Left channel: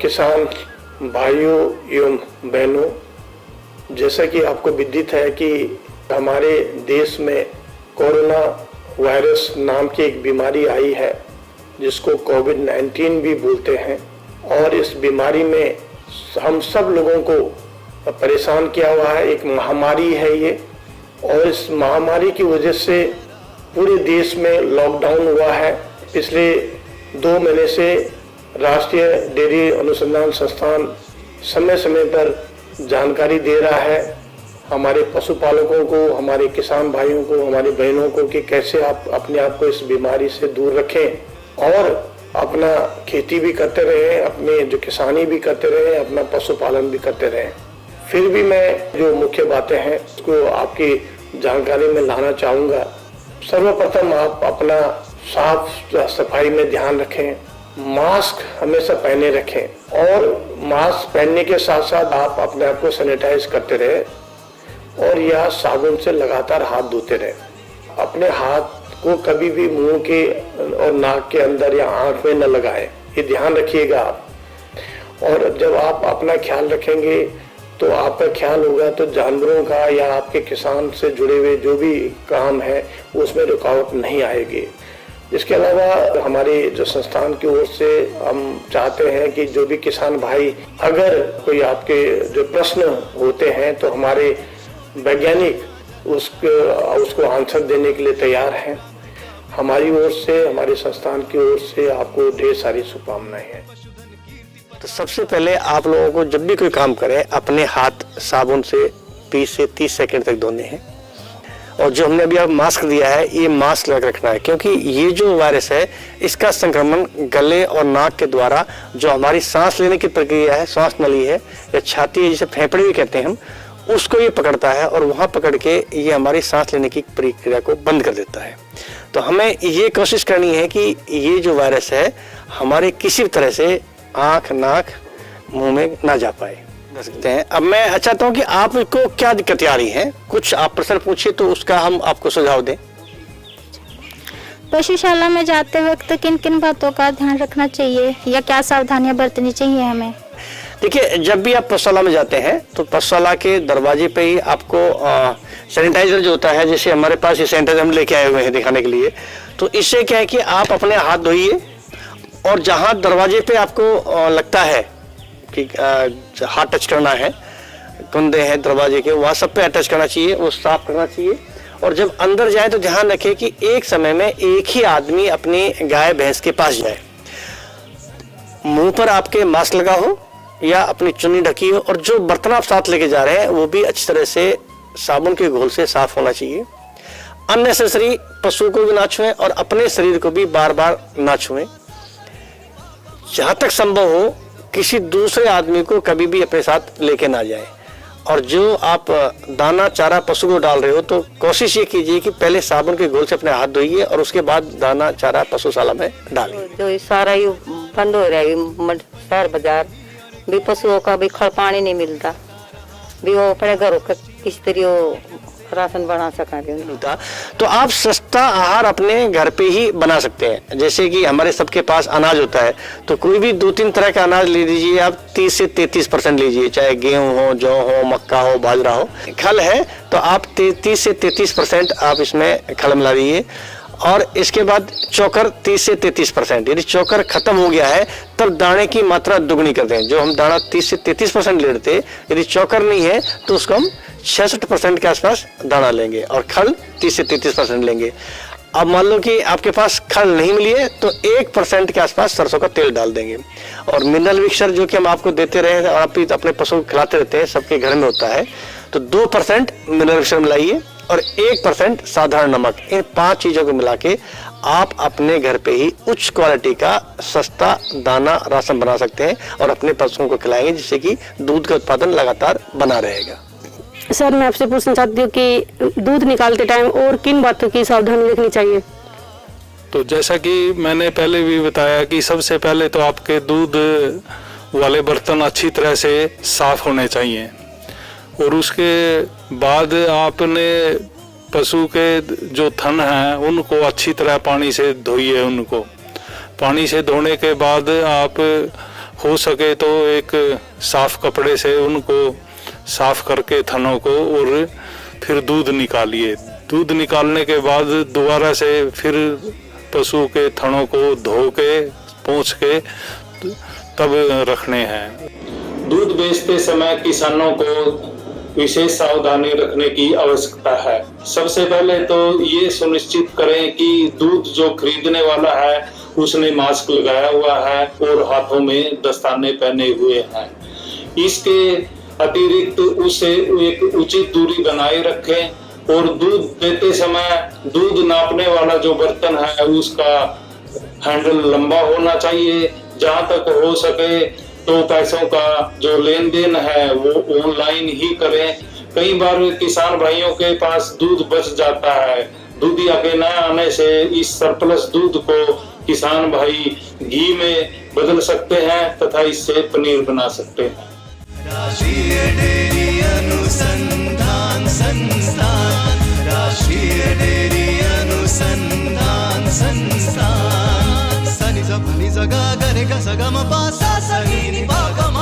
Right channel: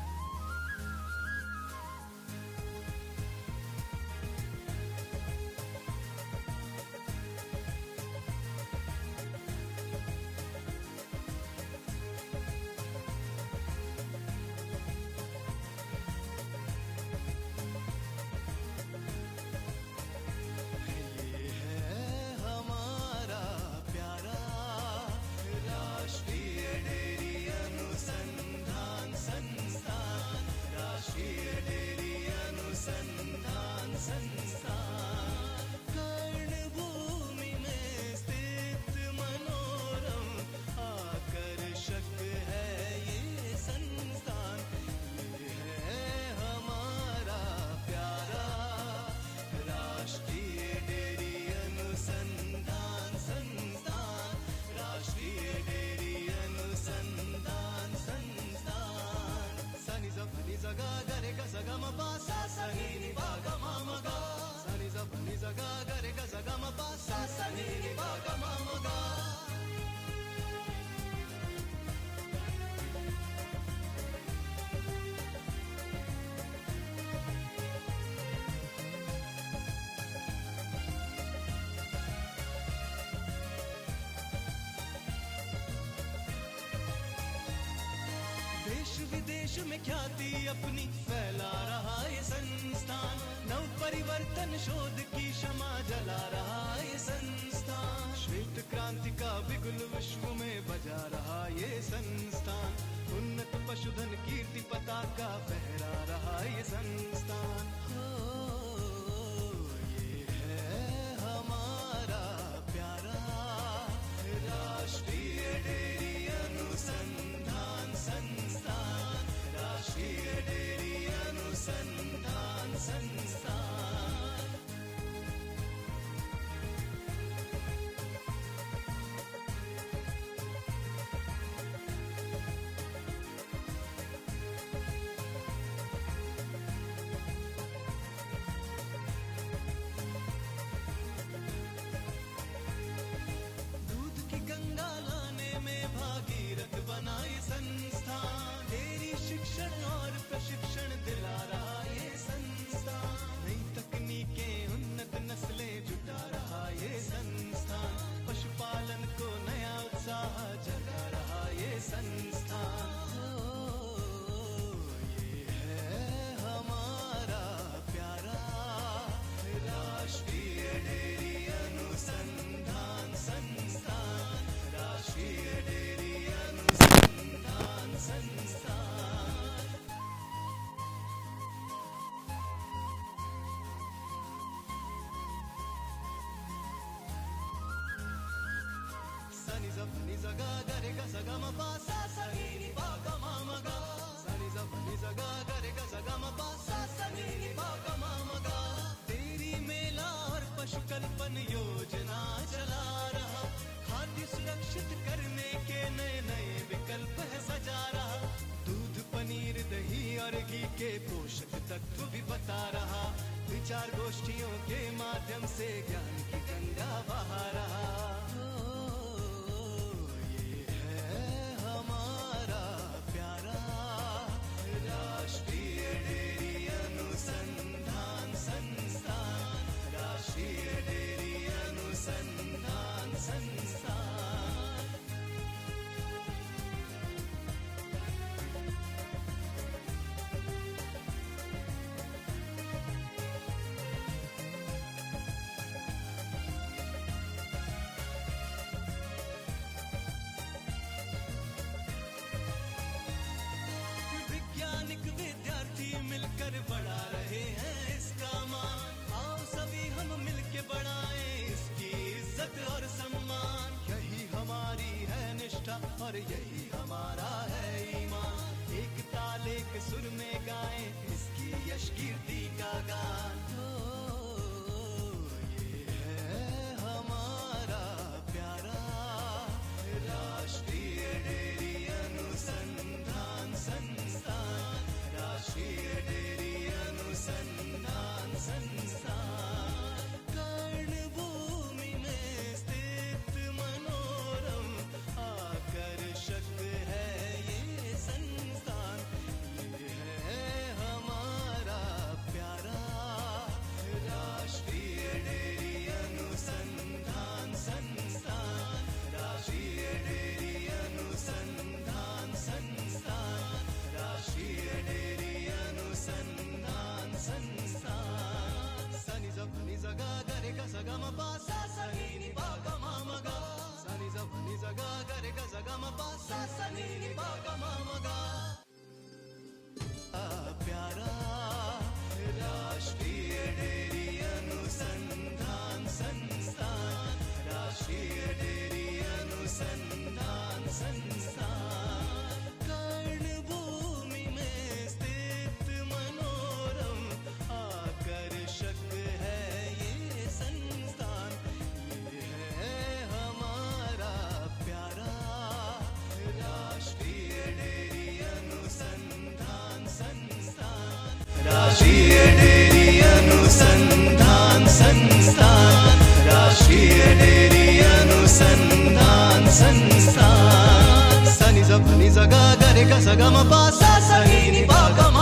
किसान भाइयों एवं बहनों, जैसा कि आपको विदित है कि हमारे देश में कोरोना वायरस नाम की एक बीमारी आई है जिसको कोविड-19 भी बोलते हैं, और इस बीमारी में हम सब लोगों को परेशान किया हुआ है। एक महामारी है ये, और इस महामारी की वजह से पूरे देश में लॉकडाउन हुआ है। पिछले 2 महीने से राष्ट्रीय डेयरी अनुसंधान संस्थान समय समय पर जानकारी दे रहा है हमारे पशुपालकों को, हमारे किसान भाइयों को, हमारी बहनों को कि कैसे आप अपने आप को इस बीमारी से दूर रखें और अपना खेती भी करते रहें, अपने जो किसानी भी करते रहें, अपना पशुपालन भी करते रहें। फिर भी मैं जो मुख्य बातें हैं उसको आपकी जानकारी में लाना चाहूँगा। सर्वप्रथम आप अपना साफ सफाई में ध्यान रखें, मास्क हमेशा पहने रखें, और मास्क पहनने के साथ साथ आप अपने आप को सैनिटाइज करते रहें और या साबुन से लगातार हाथ धोते रहें। अपने हाथ को कभी भी मुंह के और नाक के अंदर या आंख में न लगाएं, ये ध्यान रखिएगा आप। और जब आप अपना ख्याल रखेंगे तो आपका ख्याल होगा तो जानवरों का या आपके किसान से जुड़े हुए जो भी काम है उसमें रुकावट नहीं आएगी। इसके अलावा हमारे जो संस्थान की ओर से हम चाहते हैं कि जो भी किसान भाई अगर कोई आपके जो प्रश्न होते हैं तो हमारे वैज्ञानिक उसको आंसर देने के लिए तैयार हैं। हमारी ओर से, हमारे संस्थान की ओर से आपको ढेर सारी शुभकामनाएं हैं। तो सबसे पहले आप लोगों को जब भी कोई काम करें अपने हाथ साबुन से 20 से 30 सेकंड तक धोने हैं, और जो हमने अभी आप मास्क दिया है ये मास्क लगा रखना है, क्योंकि ये जो वायरस है इसका संक्रमण गले और नाक के द्वारा जो हमारी सांस लेने की प्रक्रिया है, श्वास नली है या छाती है जिसे फेफड़े भी कहते हैं हम, उसको ये पकड़ता है और वहाँ पकड़ के ये हमारी सांस लेने की प्रक्रिया को बंद कर देता है। तो हमें ये कोशिश करनी है कि ये जो वायरस है हमारे किसी भी तरह से आँख, नाक, मुंह में ना जा पाए सकते हैं। अब मैं चाहता हूँ कि आपको क्या दिक्कतें आ रही हैं, कुछ आप प्रश्न पूछिए तो उसका हम आपको सुझाव दें। पशुशाला में जाते वक्त किन किन बातों का ध्यान रखना चाहिए या क्या सावधानियां बरतनी चाहिए हमें? देखिए, जब भी आप पशुशाला में जाते हैं तो पशुशाला के दरवाजे पे ही आपको सैनिटाइजर जो होता है, जैसे हमारे पास ये सैनिटाइजर हम लेके आए हुए हैं दिखाने के लिए, तो इससे क्या है कि आप अपने हाथ धोइए और जहाँ दरवाजे पे आपको लगता है कि हाथ टच करना है, कुंदे हैं दरवाजे के, वहाँ सब पे टच करना चाहिए, वो साफ करना चाहिए। और जब अंदर जाए तो ध्यान रखें कि एक समय में एक ही आदमी अपनी गाय भैंस के पास जाए, मुंह पर आपके मास्क लगा हो या अपनी चुन्नी ढकी हो, और जो बर्तन आप साथ लेके जा रहे हैं वो भी अच्छी तरह से साबुन के घोल से साफ होना चाहिए। अननेसेसरी पशु को भी ना छुएं और अपने शरीर को भी बार बार ना छुएं। जहाँ तक संभव हो किसी दूसरे आदमी को कभी भी अपने साथ लेके ना जाए। और जो आप दाना चारा पशु को डाल रहे हो तो कोशिश ये कीजिए कि पहले साबुन के घोल से अपने हाथ धोइए और उसके बाद दाना चारा पशुशाला में डालें। जो सारा ही बंद हो रहा है, शहर बाजार भी पशुओं का भी खड़ पानी नहीं मिलता, भी वो अपने घरों का किस तरह राशन बना सका। तो आप सस्ता आहार अपने घर पे ही बना सकते हैं। जैसे कि हमारे सबके पास अनाज होता है तो कोई भी 2-3 तरह का अनाज ले लीजिए आप, 30 से 33% लीजिए, चाहे गेहूं हो, जौ हो, मक्का हो, बाजरा हो। खल है तो आप 30 से 33% आप इसमें खल मिला दीजिए। और इसके बाद चोकर 30 से 33%, यदि चोकर खत्म हो गया है तब दाने की मात्रा दुगनी कर दें। जो हम दाना 30 से 33% ले लेते, यदि चोकर नहीं है तो उसको हम 66% के आसपास दाना लेंगे और खल 30 से 33% लेंगे। अब मान लो कि आपके पास खल नहीं मिली है तो 1% के आसपास सरसों का तेल डाल देंगे। और मिनरल मिक्सचर जो कि हम आपको देते रहे और आप भी अपने पशु को खिलाते रहते हैं, सबके घर में होता है, तो 2% मिनरल मिक्सचर मिलाइए और 1% साधारण नमक। इन 5 चीजों को मिला के आप अपने घर पे ही उच्च क्वालिटी का सस्ता दाना राशन बना सकते हैं और अपने पशुओं को खिलाएंगे, जिससे कि दूध का उत्पादन लगातार बना रहेगा। सर, मैं आपसे पूछना चाहती हूँ कि दूध निकालते टाइम और किन बातों की सावधानी रखनी चाहिए? तो जैसा कि मैंने पहले भी बताया कि सबसे पहले तो आपके दूध वाले बर्तन अच्छी तरह से साफ होने चाहिए, और उसके बाद आपने पशु के जो थन हैं उनको अच्छी तरह पानी से धोइए। उनको पानी से धोने के बाद आप हो सके तो एक साफ कपड़े से उनको साफ करके थनों को, और फिर दूध निकालिए। दूध निकालने के बाद दोबारा से फिर पशु के थनों को धो के पोंछ के तब रखने हैं। दूध बेचते समय किसानों को विशेष सावधानी रखने की आवश्यकता है। सबसे पहले तो ये सुनिश्चित करें कि दूध जो खरीदने वाला है उसने मास्क लगाया हुआ है और हाथों में दस्ताने पहने हुए हैं। इसके अतिरिक्त उसे एक उचित दूरी बनाए रखें और दूध देते समय दूध नापने वाला जो बर्तन है उसका हैंडल लंबा होना चाहिए। जहां तक हो सके तो पैसों का जो लेन देन है वो ऑनलाइन ही करें। कई बार किसान भाइयों के पास दूध बच जाता है। दूधिया के न आने से इस सरप्लस दूध को किसान भाई घी में बदल सकते हैं तथा इससे पनीर बना सकते हैं। राष्ट्रीय डेयरी अनुसंधान संस्थान, राष्ट्रीय डेयरी अनुसंधान संस्थान। सनि ज भनि ज ग ग रे ग स ग म प सा स नि नि प ग म